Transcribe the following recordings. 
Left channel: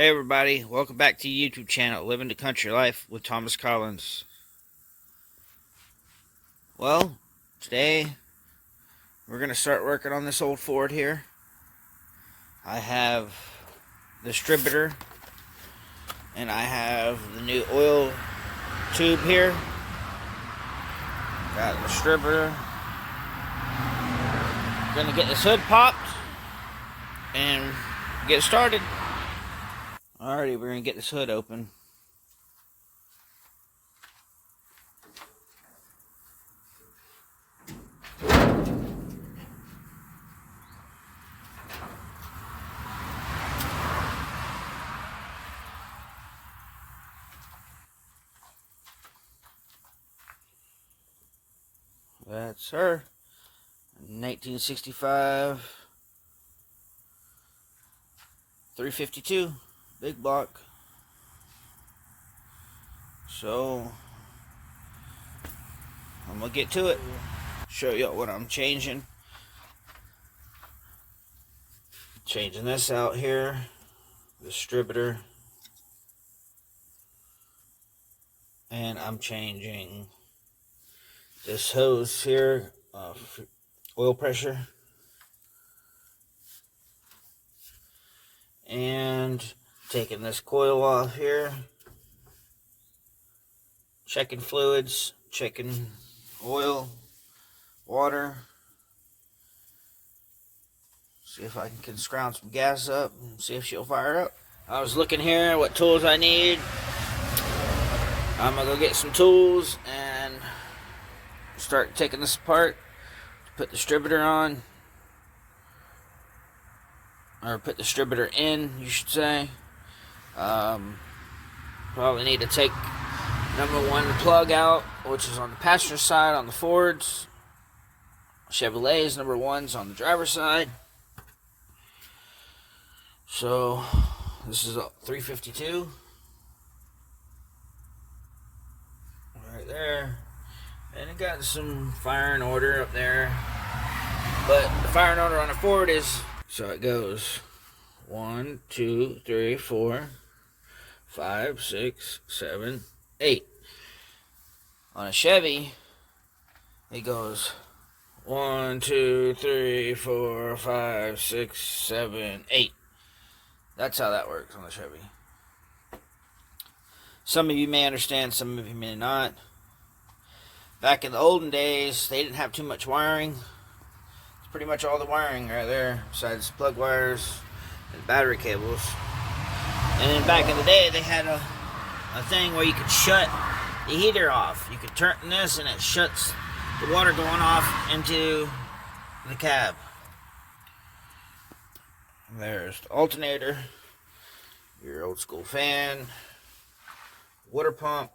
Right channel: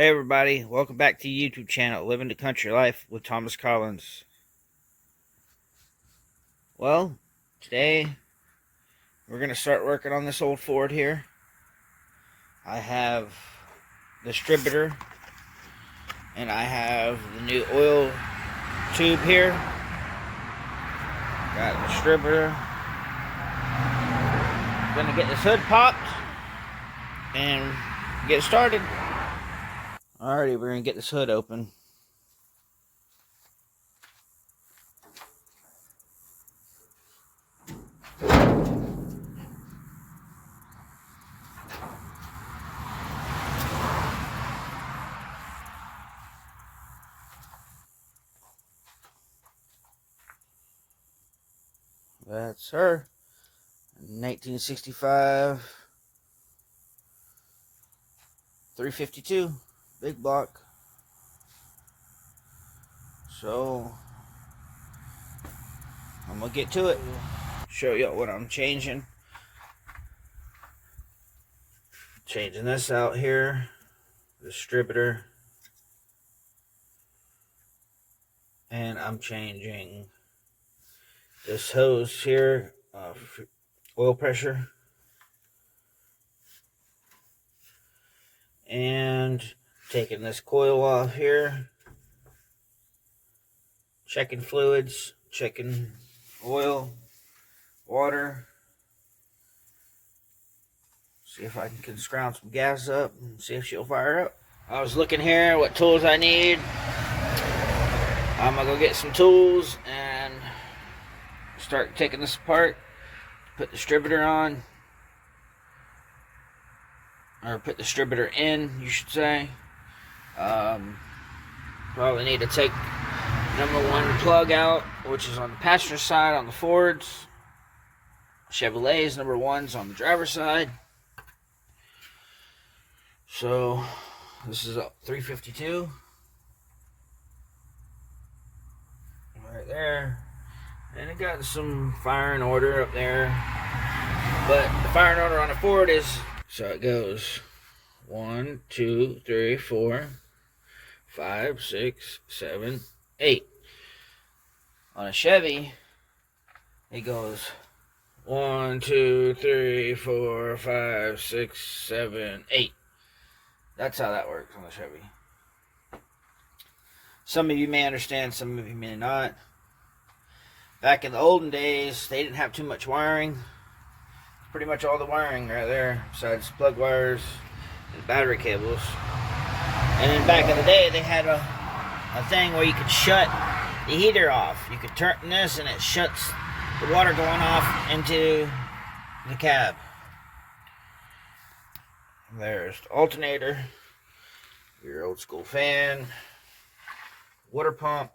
Hey everybody, welcome back to the YouTube channel, Living the Country Life with Thomas Collins. Well, today we're going to start working on this old Ford here. I have Distributor and I have the new oil tube here. Got Distributor. Gonna get this hood popped and get started. Alrighty, we're gonna get this hood open. That's her. 1965 352 big block. So I'm gonna get to it. Show you what I'm changing. Changing this out here, Distributor, and I'm changing this hose here, oil pressure, and taking this coil off here, checking fluids, checking oil, water, see if I can scrounge some gas up and see if she'll fire up. I was looking here what tools I need. I'm gonna go get some tools and start taking this apart, put Distributor on, or put Distributor in, you should say. Probably need to take #1 plug out, which is on the passenger side on the Fords. Chevrolets, #1's on the driver's side. So this is a 352 right there, and it got some firing order up there, but the firing order on a Ford is, so it goes 1, 2, 3, 4, 5, 6, 7, 8. On a Chevy it goes 1, 2, 3, 4, 5, 6, 7, 8. That's how that works on the Chevy. Some of you may understand, some of you may not. Back in the olden days, they didn't have too much wiring. It's pretty much all the wiring right there, besides plug wires and battery cables. And then back in the day, they had a thing where you could shut the heater off. You could turn this and it shuts the water going off into the cab. There's the alternator, your old school fan, water pump.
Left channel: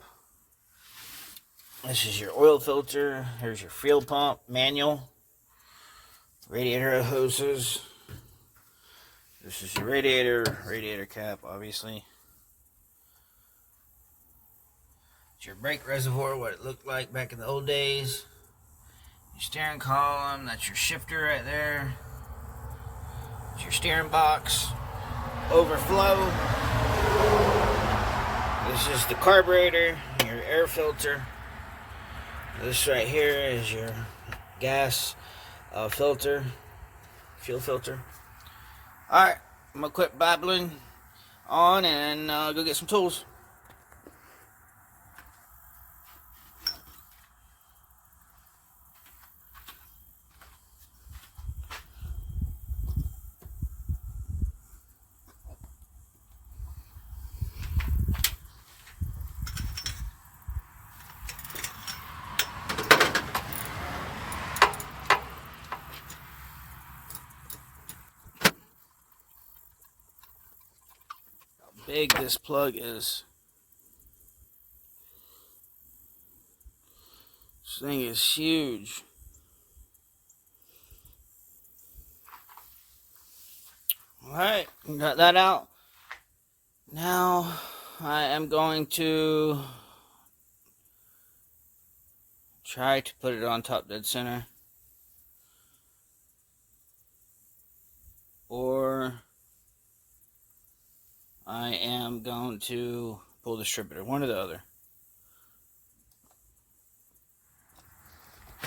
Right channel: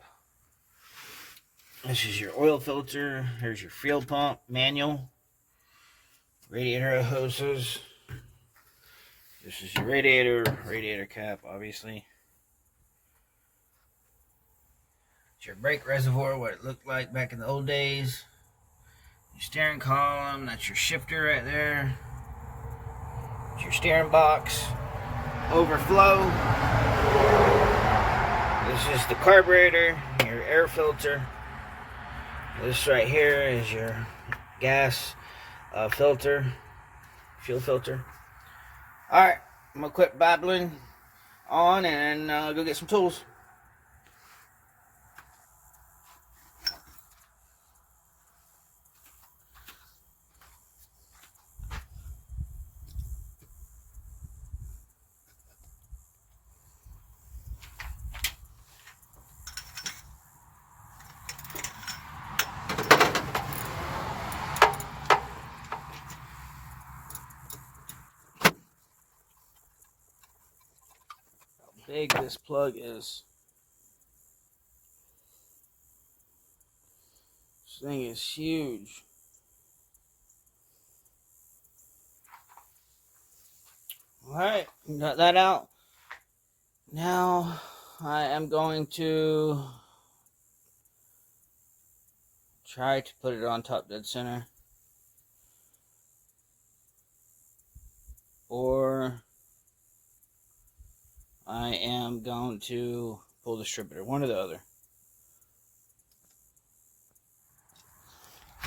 This is your oil filter. Here's your fuel pump, manual, radiator hoses. This is your radiator cap, obviously. It's your brake reservoir, what it looked like back in the old days. Your steering column, that's your shifter right there. It's your steering box, overflow. This is the carburetor, your air filter. This right here is your gas filter, fuel filter. Alright, I'm going to quit babbling on and go get some tools. Big this plug is. This thing is huge. Alright, got that out. Now I am going to try to put it on top dead center. Or I am going to pull the distributor, one or the other.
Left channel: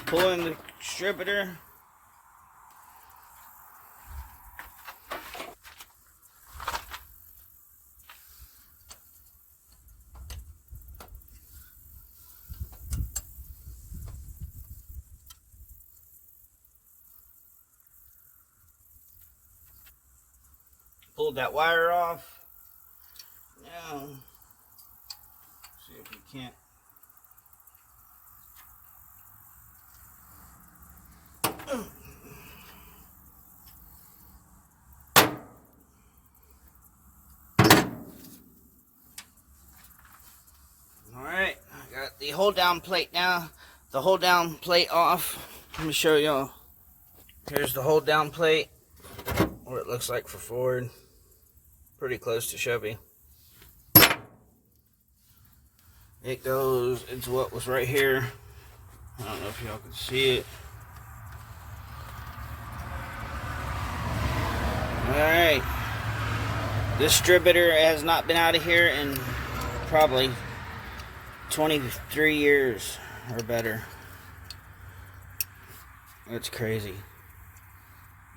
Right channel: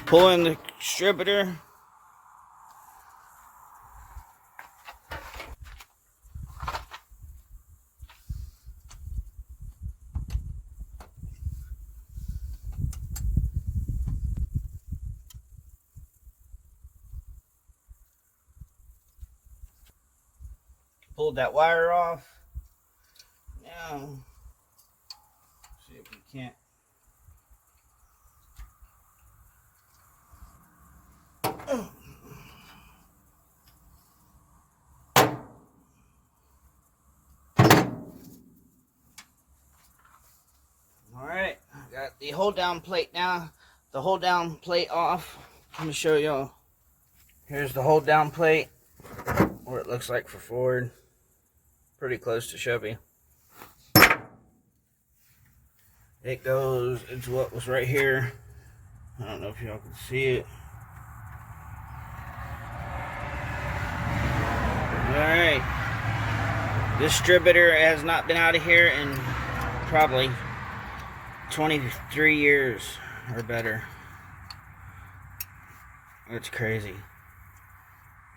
Pulling the distributor. Pulled that wire off. Now, see if we can't. Alright, I got the hold down plate now. The hold down plate off. Let me show y'all. Here's the hold down plate. What it looks like for Ford. Pretty close to Chevy. It goes into what was right here. I don't know if y'all can see it. Alright. This distributor has not been out of here in probably 23 years or better. That's crazy.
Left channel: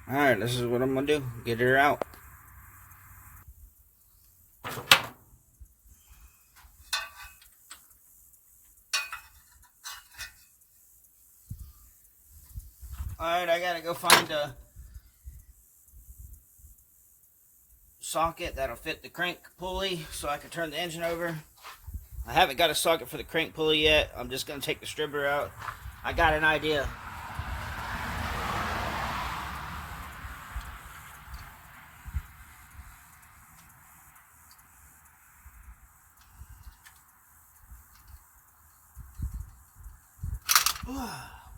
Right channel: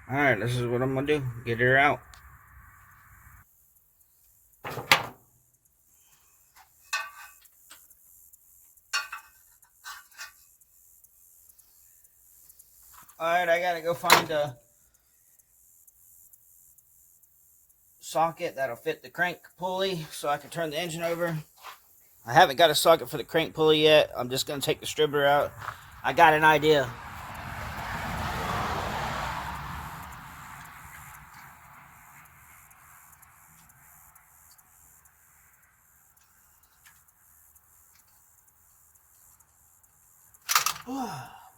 Alright, this is what I'm going to do. Get her out. Alright, I got to go find a socket that'll fit the crank pulley so I can turn the engine over. I haven't got a socket for the crank pulley yet. I'm just going to take the distributor out. I got an idea.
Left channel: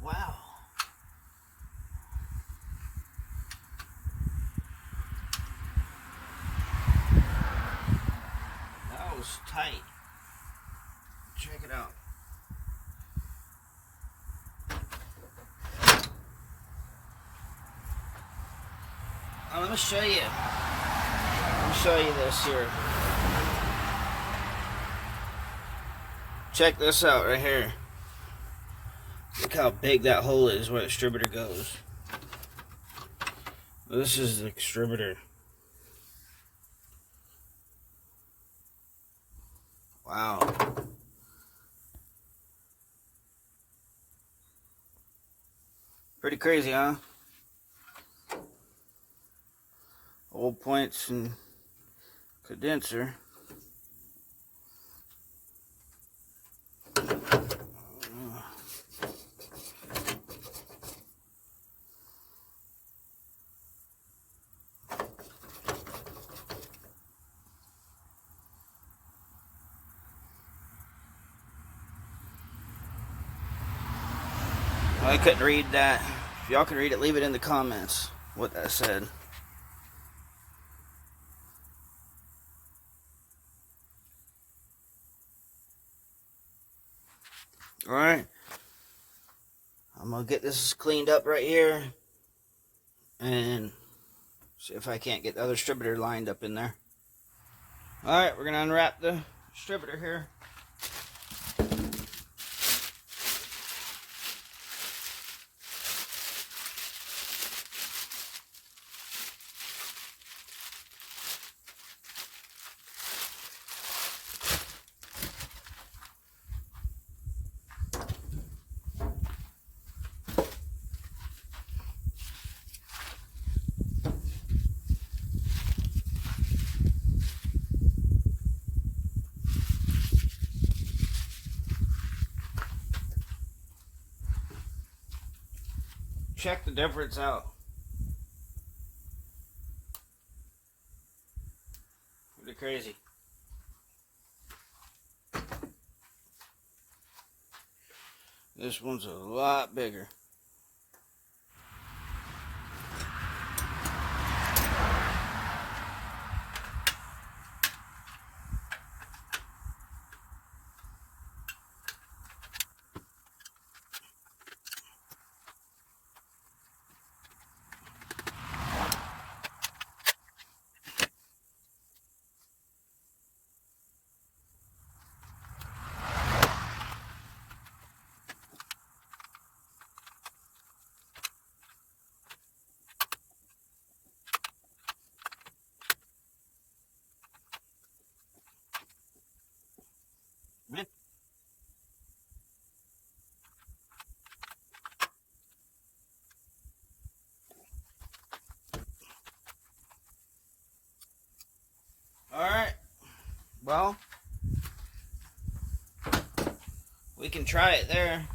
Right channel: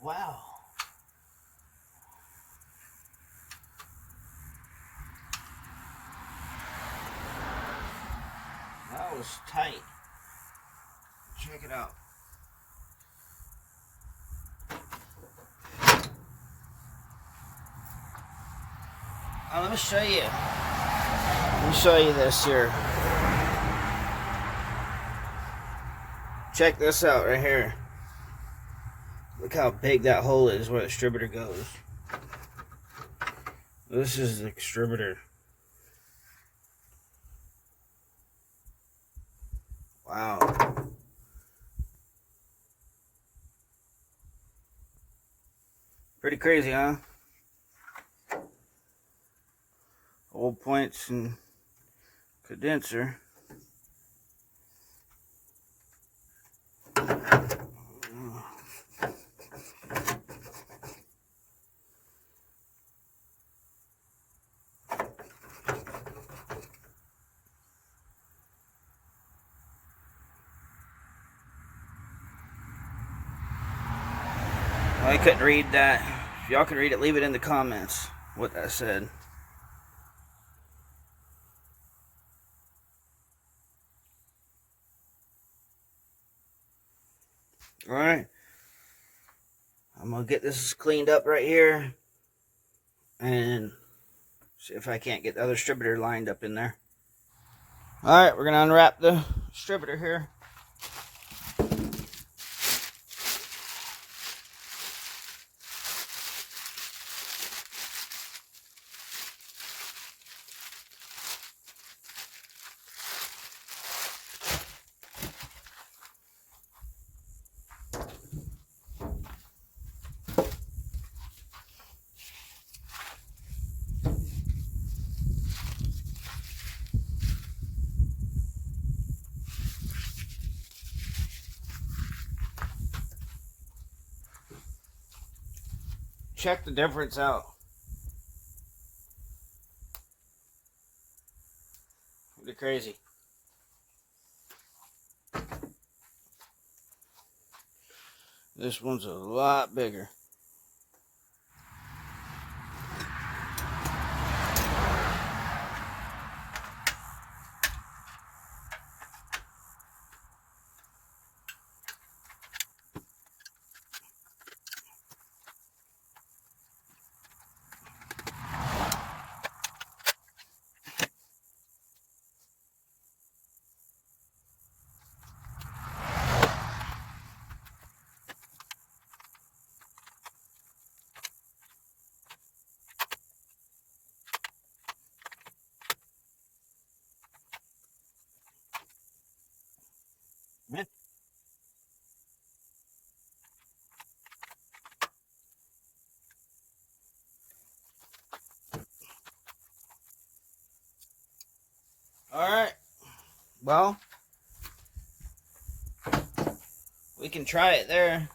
Wow. That was tight. Check it out. Let me show you. Let me show you this here. Check this out right here. Look how big that hole is where the distributor goes. This is the distributor. Wow. Pretty crazy, huh? Old points and condenser. Well, I couldn't read that. If y'all can read it, leave it in the comments what that said. Alright. I'm going to get this cleaned up right here. And see if I can't get the other distributor lined up in there. Alright, we're going to unwrap the distributor here. Check the difference out. Pretty crazy. This one's a lot bigger. Well, we can try it there.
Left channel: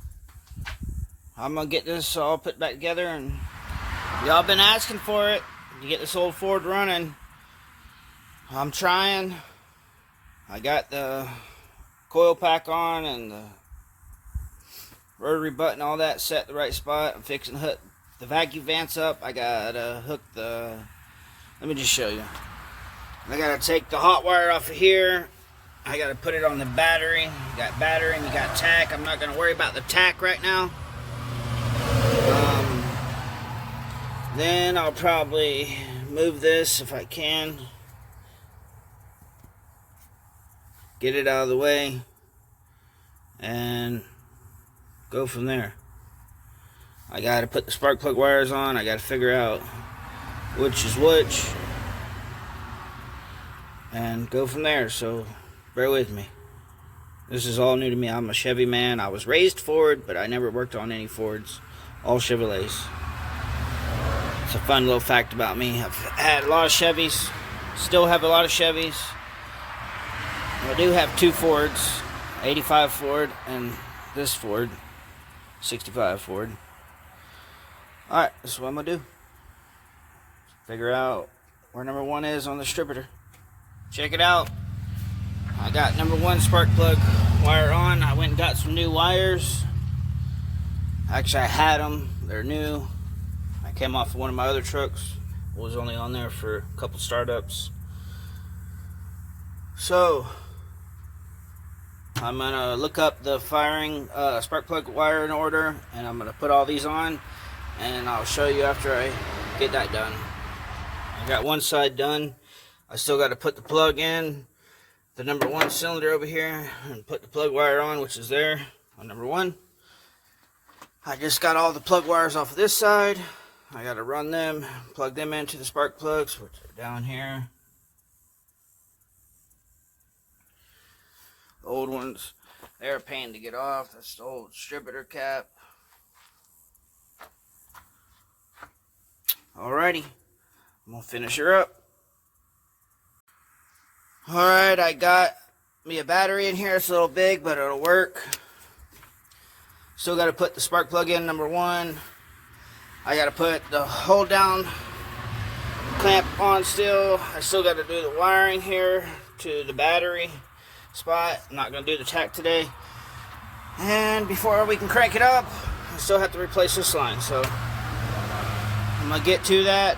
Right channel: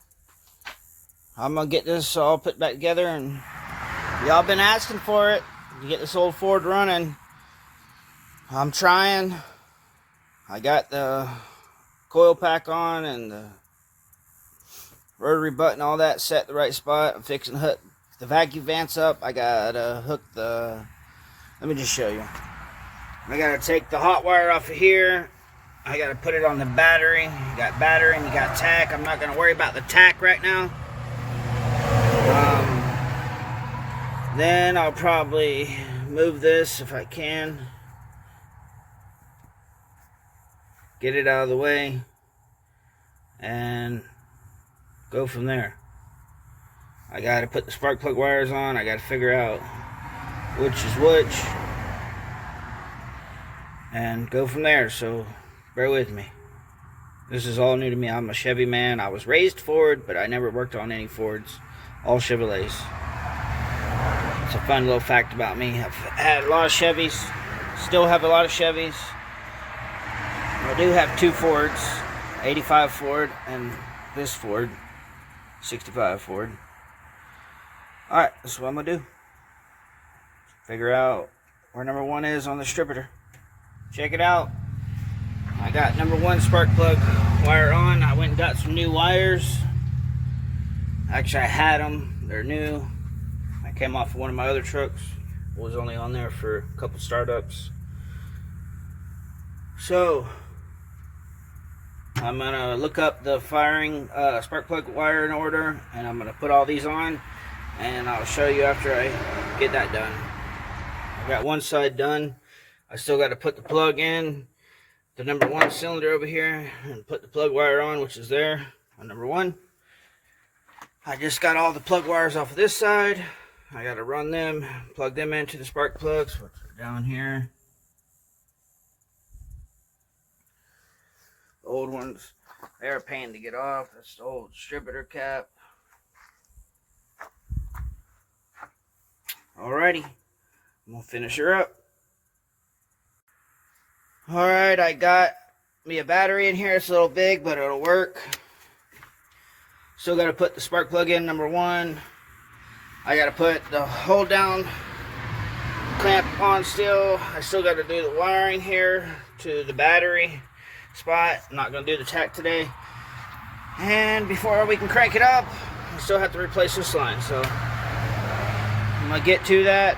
I'm gonna get this all put back together, and y'all been asking for it to get this old Ford running. I'm trying. I got the coil pack on and the rotary button, all that set the right spot. I'm fixing to hook the vacuum vents up. I gotta hook the, let me just show you. I gotta take the hot wire off of here. I gotta put it on the battery. You got battery and you got tack. I'm not gonna worry about the tack right now. Then I'll probably move this if I can. Get it out of the way and go from there. I gotta put the spark plug wires on. I gotta figure out which is which and go from there. So bear with me. This is all new to me. I'm a Chevy man. I was raised Ford, but I never worked on any Fords. All Chevrolets. It's a fun little fact about me. I've had a lot of Chevys. Still have a lot of Chevys. I do have two Fords. 85 Ford and this Ford. 65 Ford. Alright, that's what I'm going to do. Figure out where number 1 is on the distributor. Check it out. I got number 1 spark plug wire on. I went and got some new wires. Actually, I had them. They're new. I came off of one of my other trucks. I was only on there for a couple startups. So, I'm going to look up the firing spark plug wire in order, and I'm going to put all these on, and I'll show you after I get that done. I got one side done. I still got to put the plug in the number 1 cylinder over here and put the plug wire on, which is there on number 1. I just got all the plug wires off of this side. I got to run them, plug them into the spark plugs, which are down here. The old ones, they're a pain to get off. That's the old distributor cap. Alrighty, I'm gonna finish her up. Alright, I got me a battery in here. It's a little big, but it'll work. Still got to put the spark plug in number 1. I got to put the hold down clamp on still. I still got to do the wiring here to the battery spot. I'm not going to do the tack today. And before we can crank it up, I still have to replace this line. So I'm going to get to that.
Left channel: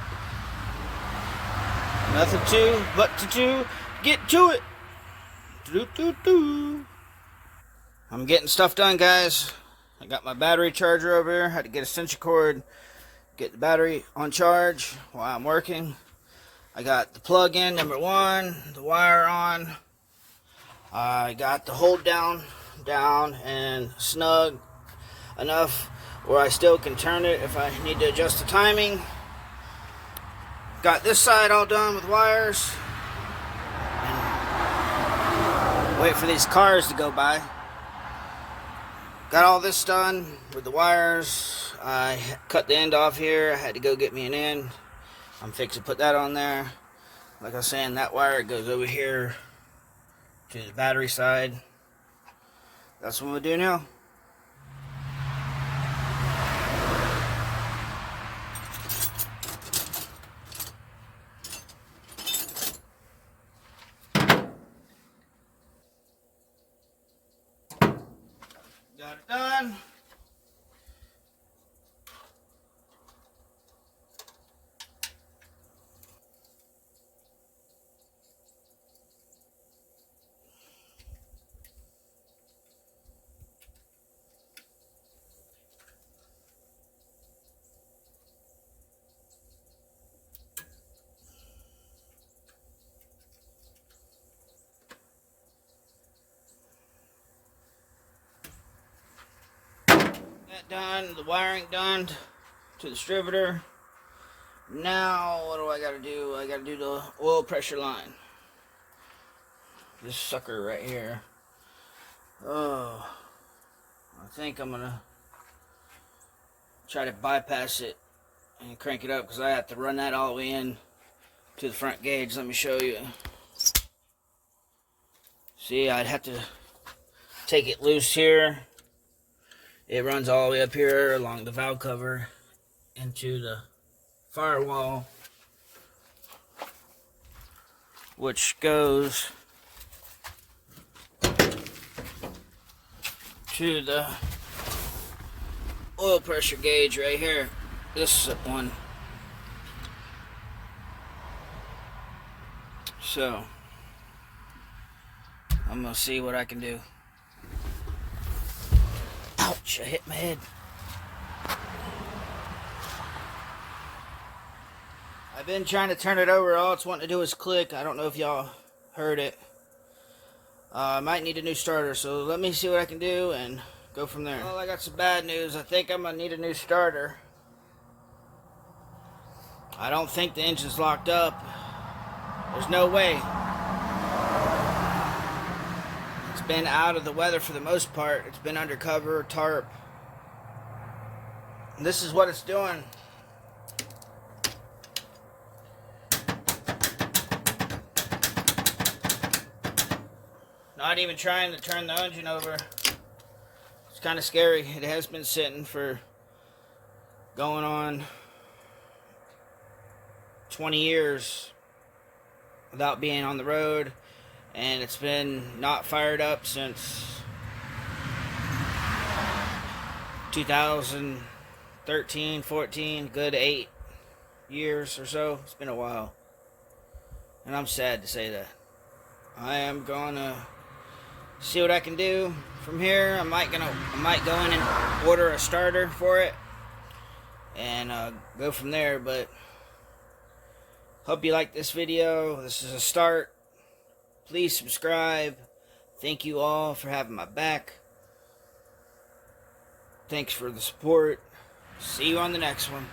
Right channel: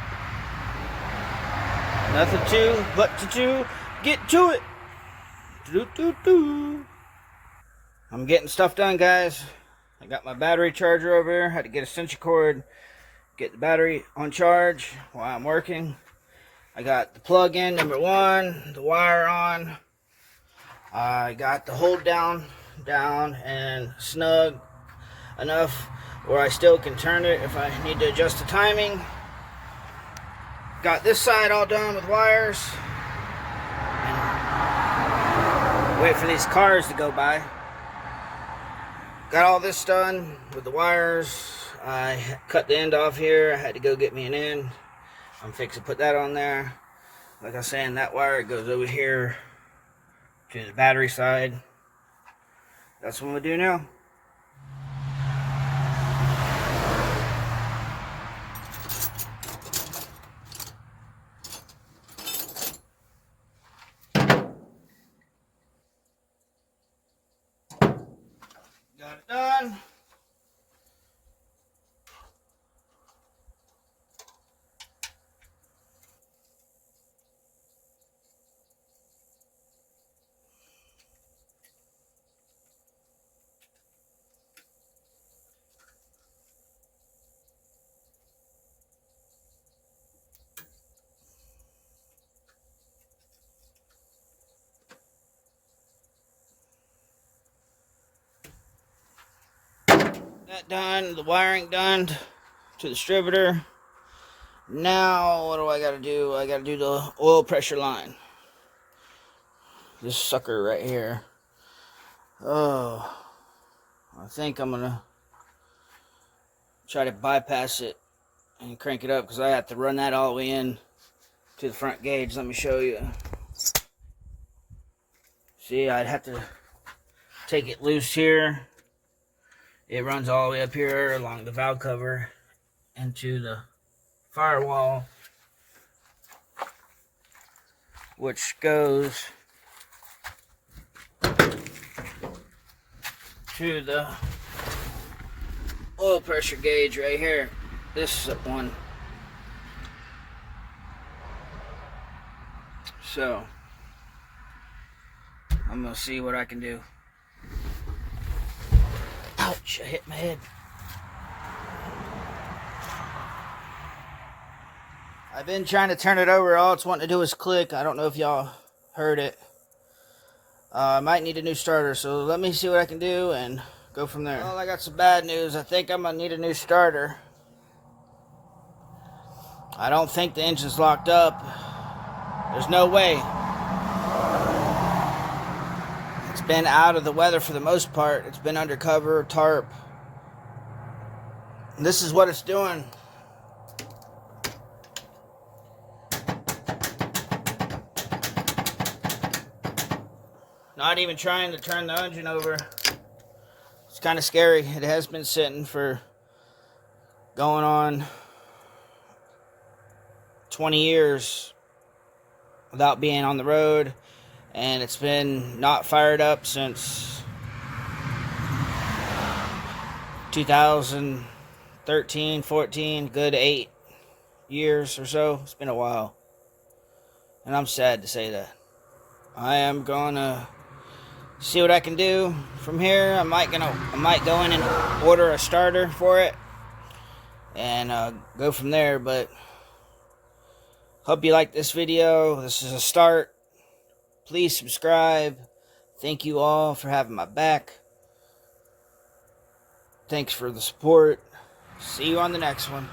Nothing to but to get to it. I'm getting stuff done, guys. I got my battery charger over here. Had to get a extension cord, get the battery on charge while I'm working. I got the plug in, number 1, the wire on. I got the hold down and snug enough where I still can turn it if I need to adjust the timing. Got this side all done with wires. And wait for these cars to go by. Got all this done with the wires. I cut the end off here. I had to go get me an end. I'm fixing to put that on there. Like I was saying, that wire goes over here to the battery side. That's what we'll do now. Got it done. That done, the wiring done to the distributor. Now, what do I gotta do? I gotta do the oil pressure line. This sucker right here. Oh, I think I'm gonna try to bypass it and crank it up because I have to run that all the way in to the front gauge. Let me show you. See, I'd have to take it loose here. It runs all the way up here along the valve cover into the firewall, which goes to the oil pressure gauge right here. This one. So I'm gonna see what I can do. Ouch, I hit my head. I've been trying to turn it over. All it's wanting to do is click. I don't know if y'all heard it. I might need a new starter, so let me see what I can do and go from there. Well, I got some bad news. I think I'm gonna need a new starter. I don't think the engine's locked up. There's no way. It's been out of the weather for the most part. It's been under cover, tarp. And this is what it's doing. Not even trying to turn the engine over. It's kind of scary. It has been sitting for going on 20 years without being on the road, and it's been not fired up since 2013, 14, good 8 years or so. It's been a while, and I'm sad to say that. I am gonna see what I can do from here. I might go in and order a starter for it and go from there. But hope you like this video. This is a start. Please subscribe. Thank you all for having my back. Thanks for the support. See you on the next one.